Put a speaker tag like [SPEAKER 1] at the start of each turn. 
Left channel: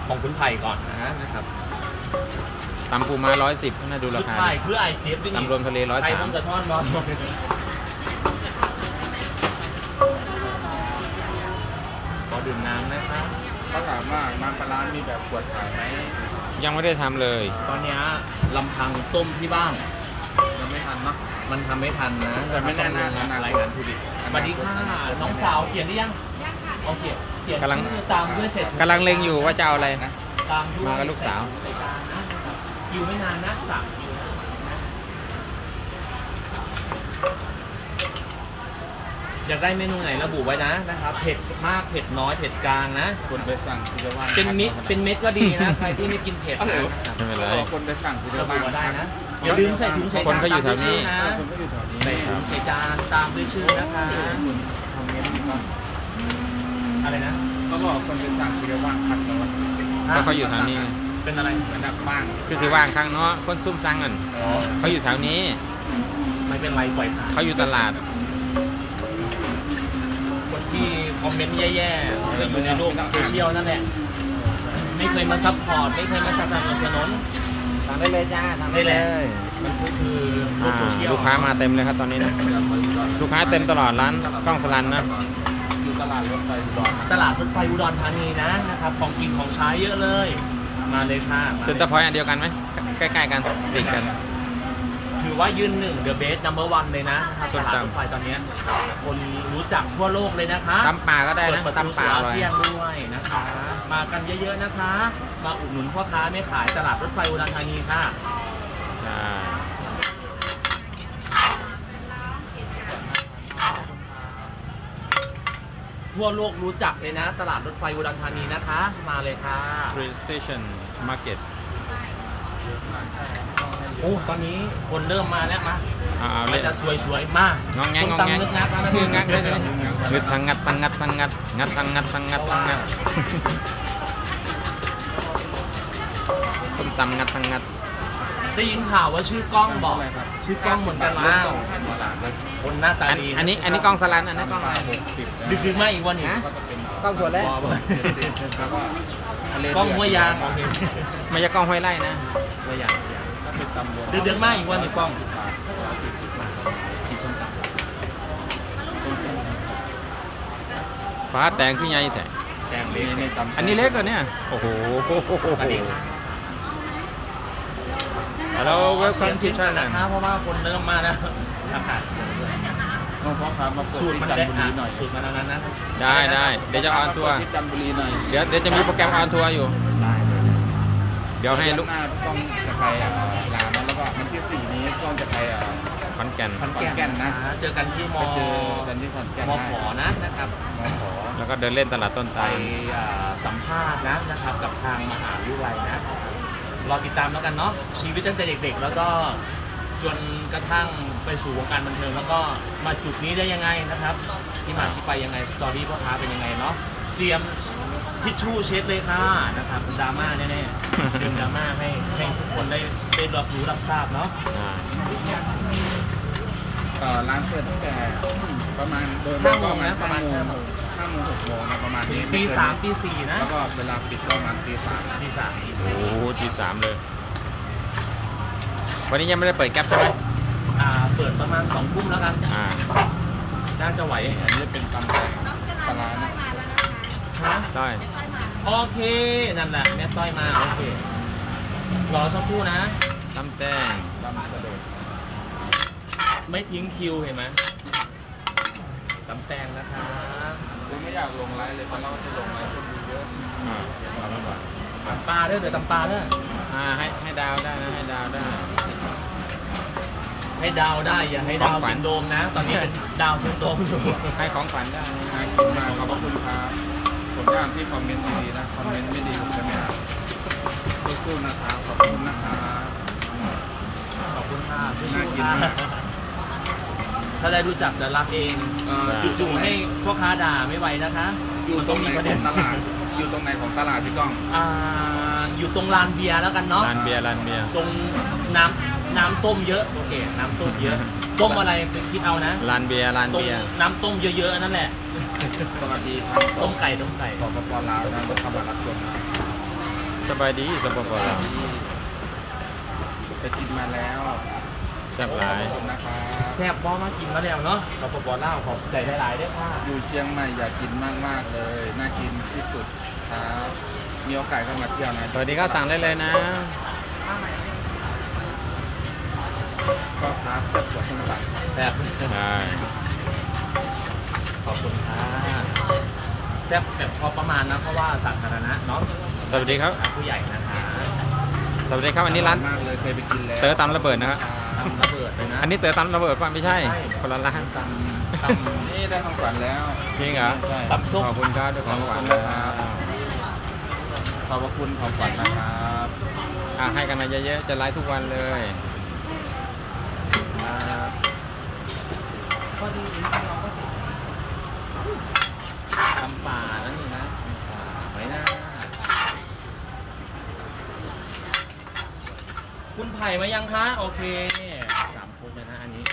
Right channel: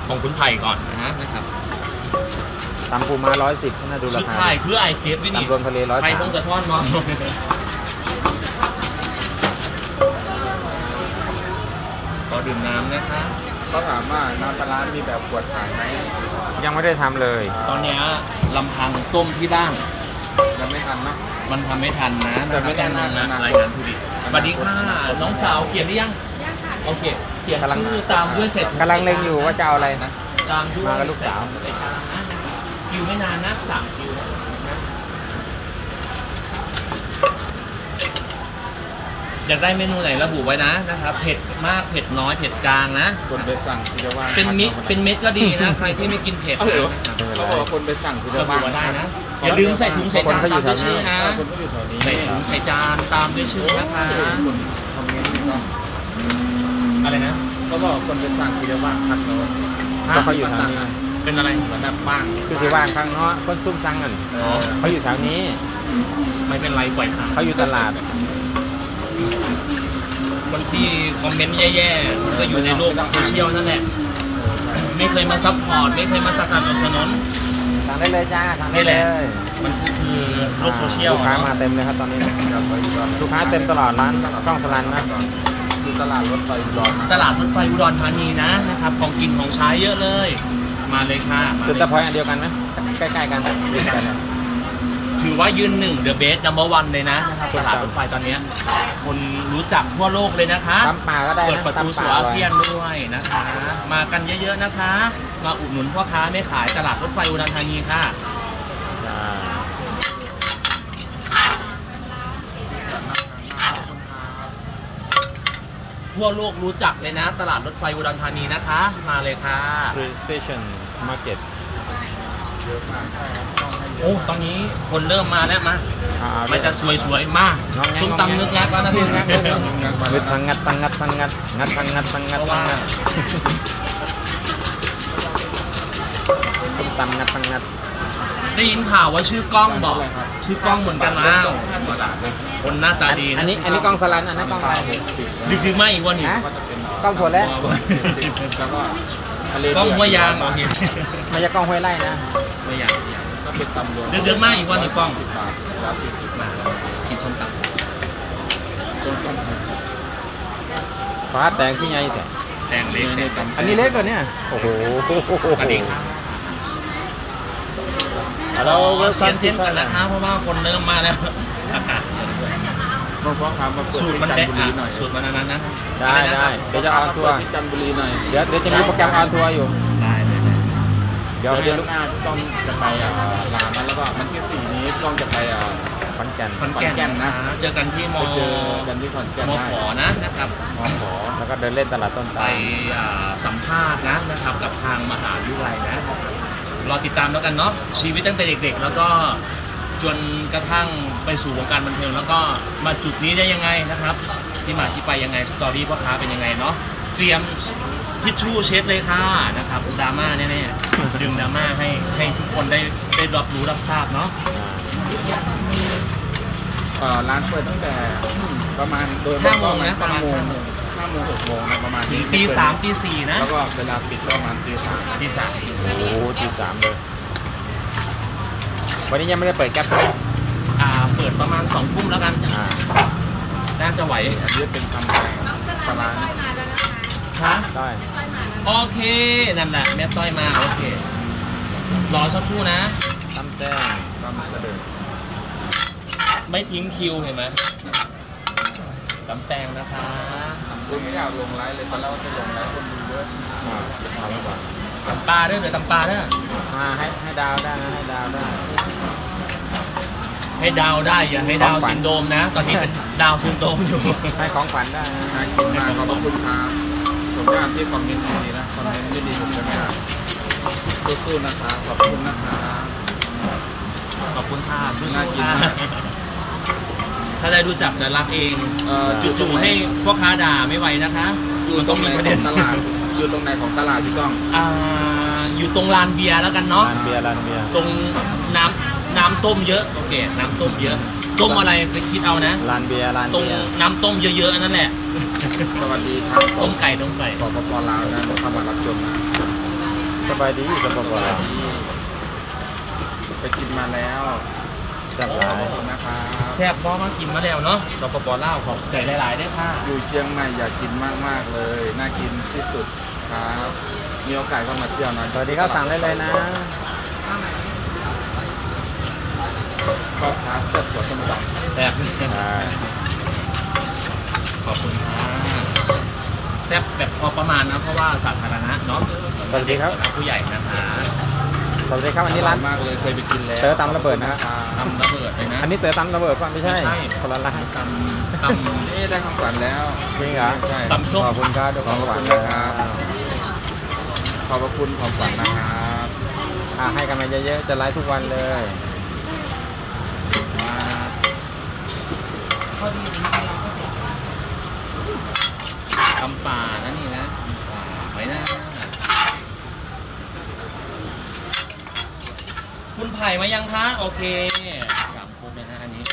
[SPEAKER 1] ของคุณไผ่ก่อนนะครับ
[SPEAKER 2] ตำปูม้า110น่าดูรา
[SPEAKER 1] สุด
[SPEAKER 2] คา
[SPEAKER 1] ท้ายเพื่อไอเจฟด้วยนี่
[SPEAKER 2] ตำรวมทะเล103
[SPEAKER 1] ไผ่พงกระท่อนมอก็ดื่มน้ำนะคะ
[SPEAKER 3] เขาถามว่าน้ำปลาร้ามีแบบขวดขายไหม
[SPEAKER 2] ยังไม่ได้ทำเลย
[SPEAKER 1] ตอนเนี้ยลำพังต้มที่บ้าน
[SPEAKER 3] ยังไม่ทันเนาะ
[SPEAKER 1] มันทำไม่ทันนะ
[SPEAKER 3] แต่ไม่แน่นอน
[SPEAKER 1] ต้องลง
[SPEAKER 3] อนาคต
[SPEAKER 1] รายงานผู้ดิสวัสดีค่ะน้องสาวเขียนหรือยังโอเคเขียนชื่อตามด้วยเสร็จ
[SPEAKER 2] กำลังเล็งอยู่ว่าจะเอาอะไรนะ
[SPEAKER 1] ตามด้วย
[SPEAKER 2] มากับลูกสาว
[SPEAKER 1] ใส่จานนะคิวไม่นานนะ3 คิวนะอยากได้เมนูไหนระบุไว้นะครับเผ็ดมากเผ็ดน้อยเผ็ดกลางนะ
[SPEAKER 3] คนไปสั่งคือจะว่าง
[SPEAKER 1] เป็นเม็ดก็ดีนะใครที่ไม่กินเผ็ด
[SPEAKER 3] เออ
[SPEAKER 1] นะครับ
[SPEAKER 3] เขาบอกคนไปสั่งคือจะ
[SPEAKER 1] ระบุ
[SPEAKER 3] ว่าง
[SPEAKER 1] ไว้ได้นะอย่าลืมใส่ถุงใส่จานตามด้วยชื่อนะ
[SPEAKER 3] คนก็อยู่แถวนี้
[SPEAKER 1] ใส่ถุงใส่จานตามด้วยชื่อนะคะ
[SPEAKER 3] คนคอมเมนต์นี่ก็
[SPEAKER 1] อะไรนะ
[SPEAKER 3] เขาบอกคนไปสั่งคือจะว่างคัดโน้น
[SPEAKER 2] เพราะเขาอยู่แถวนี้
[SPEAKER 1] เป็นอะไร
[SPEAKER 3] เหมือนแบบบ้าง
[SPEAKER 2] คือสิว่างข้างเนาะคนซุ่มซังกัน
[SPEAKER 3] เออ
[SPEAKER 2] เขาอยู่แถวนี้
[SPEAKER 1] ไม่เป็นไรปล่อยผ่าน
[SPEAKER 2] เขาอยู่ตลาด
[SPEAKER 1] คนที่คอมเมนต์แย่ๆก็อยู่ในโลกโซเชียลนั่นแหละไม่เคยมาซัพพอร์ตไม่เคยมาสนับสนุน
[SPEAKER 2] สั่งได้เลยจ้าสั่งได้เลย
[SPEAKER 1] มันคือโลกโซเชียล
[SPEAKER 2] ลูกค้า
[SPEAKER 1] เนาะ
[SPEAKER 2] มาเต็มเลยครับตอนนี้ ลูกค้าเต็มตลอดร้านกล้องสลันนะ
[SPEAKER 3] อยู่ตลาดรถไฟอุดรนะ
[SPEAKER 1] ตลาดรถไฟอุดรธานีนะครับของกินของใช้เยอะเลย มาเลยค่ะมา
[SPEAKER 2] เซ็นเตอร์พอยต์อันเดียวกันไหมใกล้ๆกันติดกัน
[SPEAKER 1] ถือว่ายืนหนึ่ง The Best Number One เลยนะครับตลาดรถไฟตอนเนี้ยคนรู้จักทั่วโลกเลยนะคะ
[SPEAKER 2] ตำป่าก็ได้
[SPEAKER 1] เปิด
[SPEAKER 2] นะ
[SPEAKER 1] ประตู
[SPEAKER 2] ตำ
[SPEAKER 1] สู่
[SPEAKER 2] ป่า
[SPEAKER 1] อาเซียนด้วยนะคะ มากันเยอะๆนะคะ มาอุดหนุนพ่อค้าแม่ขายตลาดรถไฟอุดรธานีค่ะ
[SPEAKER 2] จ้า
[SPEAKER 1] ทั่วโลกรู้จักเลยนะ ตลาดรถไฟอุดรธานีนะคะ มาเลยค่ะ
[SPEAKER 2] Train Station Market
[SPEAKER 3] เยอะมากใช่ครับต้องให้เย
[SPEAKER 1] โอ้
[SPEAKER 3] อะ
[SPEAKER 1] ตอนนี้คนเริ่มมาแล้วมา
[SPEAKER 2] เอา
[SPEAKER 1] มันจะสวยๆมาก
[SPEAKER 2] งองแง
[SPEAKER 1] ซุ้ม
[SPEAKER 2] งองแง
[SPEAKER 1] ตำนึกงักแล้วนะพี่
[SPEAKER 2] งัดงัดทังงัดทังงัดทังงัดงัดทังงัดทังงัด
[SPEAKER 1] เพราะ
[SPEAKER 2] ทั
[SPEAKER 1] ว่าง
[SPEAKER 2] งัดส้มตำงัดทังงัด
[SPEAKER 1] ได้ยินข่าวว่าชื่อกล้องบอก
[SPEAKER 3] อะไรครับ
[SPEAKER 1] ชื่อกล้องเหมือนกันแล้ว
[SPEAKER 3] ตลาดนะ
[SPEAKER 1] คนหน้าตาดีะ
[SPEAKER 2] อันนี้กล้องสลันอันนั้นกล้องอะไร
[SPEAKER 1] ดึกๆมากอีกวันหนึ่ง
[SPEAKER 2] ฮะ
[SPEAKER 3] ก็จะเป็น
[SPEAKER 2] กล้องถั่วแล้ว
[SPEAKER 3] แล้วก็ทะเล
[SPEAKER 1] กล้องห้วยยาง
[SPEAKER 3] บา
[SPEAKER 1] โอ
[SPEAKER 3] ท
[SPEAKER 1] เค
[SPEAKER 2] ไม่ใช่กล้องห้วยไร่นะ
[SPEAKER 1] ห้วยยาง
[SPEAKER 3] ก็เป็นตำรวจ
[SPEAKER 1] เดือดๆมากอีกวันหนึ่งกล้อง
[SPEAKER 3] 10 บาท140
[SPEAKER 1] มากินส้มตำ
[SPEAKER 3] ต้นกัน
[SPEAKER 2] ฟ้าแตงที่ไงแต่
[SPEAKER 1] แดงเล็ก
[SPEAKER 3] ในตำ
[SPEAKER 2] อันนี้เล็กกว่าเนี่ยโอ้โห
[SPEAKER 1] สวัสดีครับ
[SPEAKER 2] ฮัลโหล
[SPEAKER 1] เสียงเสียงกันนะคะเพราะว่าคนเริ่มมาแล้วอากาศเย็นด้วย
[SPEAKER 3] น้องฟ้องครับมาเปิด
[SPEAKER 1] สูตร
[SPEAKER 3] ที่
[SPEAKER 1] มัน
[SPEAKER 3] จัน
[SPEAKER 1] ได้
[SPEAKER 3] ทบุรีหน่อย
[SPEAKER 1] สูตรมันอันนั้นนะ
[SPEAKER 2] ได้ได้เดี๋ยวจะออนทัวร์
[SPEAKER 3] มาเปิดที่จันทบุรีหน่อย
[SPEAKER 2] เดี๋ยวจะมีโปรแกรมออนทัวร์อยู่
[SPEAKER 1] ได้เลยนะ
[SPEAKER 2] เดี๋ยวให้
[SPEAKER 3] เดือน
[SPEAKER 2] ลูก
[SPEAKER 3] หน้าพี่ต้องจะไปลาวนะแล้วก็มันที่4นี้พี่ต้องจะไป
[SPEAKER 2] ขอนแก่น
[SPEAKER 1] ขอน
[SPEAKER 3] ขอนแก่
[SPEAKER 1] แก่
[SPEAKER 3] น
[SPEAKER 1] น
[SPEAKER 3] นะ
[SPEAKER 1] นะเจอกันที่ม
[SPEAKER 3] ไปเจอกันที่ขอนแก่น
[SPEAKER 1] ม
[SPEAKER 3] ได้
[SPEAKER 1] ขอนะครับ
[SPEAKER 3] มขอ
[SPEAKER 2] แล้วก็เดินเล่นตลาดต้น
[SPEAKER 1] ไป
[SPEAKER 2] ตาล
[SPEAKER 1] สัมภาษณ์นะครับกับทางมหาวิทยาลัยนะรอติดตามแล้วกันเนาะชีวิตตั้งแต่เด็กๆ แล้วก็จนกระทั่งไปสู่วงการบันเทิงแล้วก็มาจุดนี้ได้ยังไงนะครับ ที่มาที่ไปยังไงสตอรี่พ่อค้าเป็นยังไงเนาะเตรียมทิชชู่เช็ดเลยค่ะนะครับดราม่าแน่ๆดึงดราม่าให้ทุกคนได้รับรู้รับทราบเนาะ
[SPEAKER 3] ร้านเปิดตั้งแต่ประมาณโดย
[SPEAKER 1] 5 โมงนะประมาณ
[SPEAKER 3] 5
[SPEAKER 1] 5 โมง
[SPEAKER 3] 6 โมงนะประมาณนี้
[SPEAKER 1] ตี 3ตี 4นะ
[SPEAKER 3] แล้วก็เวลาปิดก็ประมาณตี 3
[SPEAKER 1] ตี
[SPEAKER 2] โอ้โหตี3เลย วันนี้ยังไม่ได้เปิดแก๊ปใช่ไหม
[SPEAKER 1] 3เปิดประมาณ2 ทุ่มแล้วกัน
[SPEAKER 2] อ่า
[SPEAKER 1] น่าจะไหว
[SPEAKER 3] อันนี้เป็นตำแตงปลาร้านะ
[SPEAKER 1] ฮะ
[SPEAKER 2] ได้
[SPEAKER 1] โอเค นั่นแหละแม่ต้อยมา โอเค รอสักครู่นะ
[SPEAKER 2] ตำแต้ง
[SPEAKER 3] ตำเสด็จ
[SPEAKER 1] ไม่ทิ้งคิวเห็นไหมกำแตงนะคะ
[SPEAKER 3] คุณไม่อยากลงไลฟ์เลยตอนแรกว่าจะลงไลฟ์คนดูเยอะ
[SPEAKER 2] ทำไว้ก่อน
[SPEAKER 1] ตำปลาเด้อเดี๋ยวตำปลาเด้อ
[SPEAKER 2] ให้ดาวได้นะให้ดาวได้
[SPEAKER 1] ให้ดาวได้อย่าให้ดาวซินโดรมนะ ตอนนี้เป็นดาวซินโดรมอยู่
[SPEAKER 2] ให้ของขวัญได้นะ
[SPEAKER 3] น่ากินมากขอบพระคุณครับผมจะอ่านที่คอมเมนต์ดีๆนะคอมเมนต์ไม่ดีผมจะไม่อ่านสู้ๆนะครับขอบคุณนะครับ
[SPEAKER 1] ขอบคุณค่ะสู้
[SPEAKER 3] น่า
[SPEAKER 1] ๆ
[SPEAKER 3] กิน
[SPEAKER 1] ค่ะ
[SPEAKER 3] มาก
[SPEAKER 1] ถ้าได้รู้จักจะรักเองจู่ๆให้พ่อค้าด่าไม่ไหวนะคะ
[SPEAKER 3] อยู่
[SPEAKER 1] มัน
[SPEAKER 3] ตร
[SPEAKER 1] ต้อง
[SPEAKER 3] งไหน
[SPEAKER 1] มีประ
[SPEAKER 3] ข
[SPEAKER 1] เด็
[SPEAKER 3] อน งตลาด อยู่ตรงไหนของตลาดพี่ก้อง
[SPEAKER 1] อยู่ตรงลานเบียร์แล้วกันเนาะ
[SPEAKER 2] ร้านเบียร์ร้านเบียร์
[SPEAKER 1] ตรงน้ำต้มเยอะโอเคน้ำต้มเยอะ ต้มอะไรไปคิดเอานะ
[SPEAKER 2] ร้านเบียร์ร้าน
[SPEAKER 1] ตรง
[SPEAKER 2] เบียร์
[SPEAKER 1] น้ำต้มเยอะๆอันนั่นแหละ
[SPEAKER 3] สวัสดีครับ
[SPEAKER 1] ต้มไก่ต้มไก่
[SPEAKER 3] สปปลาวนะเข้ามารับชมนะ
[SPEAKER 2] สบายดีสบาย
[SPEAKER 3] สวัสดีไปกินมาแล้ว
[SPEAKER 2] แซ่บห
[SPEAKER 3] ข
[SPEAKER 2] ลา
[SPEAKER 3] อย บคุณนะครับ
[SPEAKER 1] แซ่บบ่มากินมาแล้วเนาะสปปลาวขอบใจหลายๆด้วยค่ะ
[SPEAKER 3] อยู่เชียงใหม่อยากกินมากๆเลย น่ากินที่สุดครับ มีโอกาสก็มาเที่ยวนะ
[SPEAKER 2] สวัสดีครับสั่งได้เลยนะ
[SPEAKER 3] ก็พาแซ่บกว่าส้มตำ
[SPEAKER 1] แซ่บ ขอบคุณค่ะแซ่บแบบพอประมาณนะเพราะว่าสาธารณะเนาะ
[SPEAKER 2] สวัสดีครับ
[SPEAKER 1] ผู้ใหญ่นะคะ
[SPEAKER 2] สวัสดีครับอันนี้ร้าน
[SPEAKER 3] มากเลยเคยไปกินแล้ว
[SPEAKER 2] เต๋อตำระเบิดนะครับ
[SPEAKER 1] ทำระเบิดเลยนะ
[SPEAKER 2] อันนี้เต๋อตำระเบิดป่ะไม่ใช่
[SPEAKER 1] ไม่ใช่
[SPEAKER 2] คนละร้าน
[SPEAKER 1] ตำ
[SPEAKER 3] นี่ได้ของขวัญแล้ว
[SPEAKER 2] จริงเหรอ
[SPEAKER 3] ใช่
[SPEAKER 1] ตำส้ม
[SPEAKER 2] ขอบคุณครับด้วยความหวาน
[SPEAKER 3] ขอบคุณนะครับ ขอบพระคุณของขวัญนะครับ
[SPEAKER 2] ให้กันมาเยอะๆจะไลฟ์ทุกวันเลยมา
[SPEAKER 1] ตำป่านะนี่นะตำป่าไว้นะคุณไผ่มายังคะโอเคสามครบเลยนะอันนี้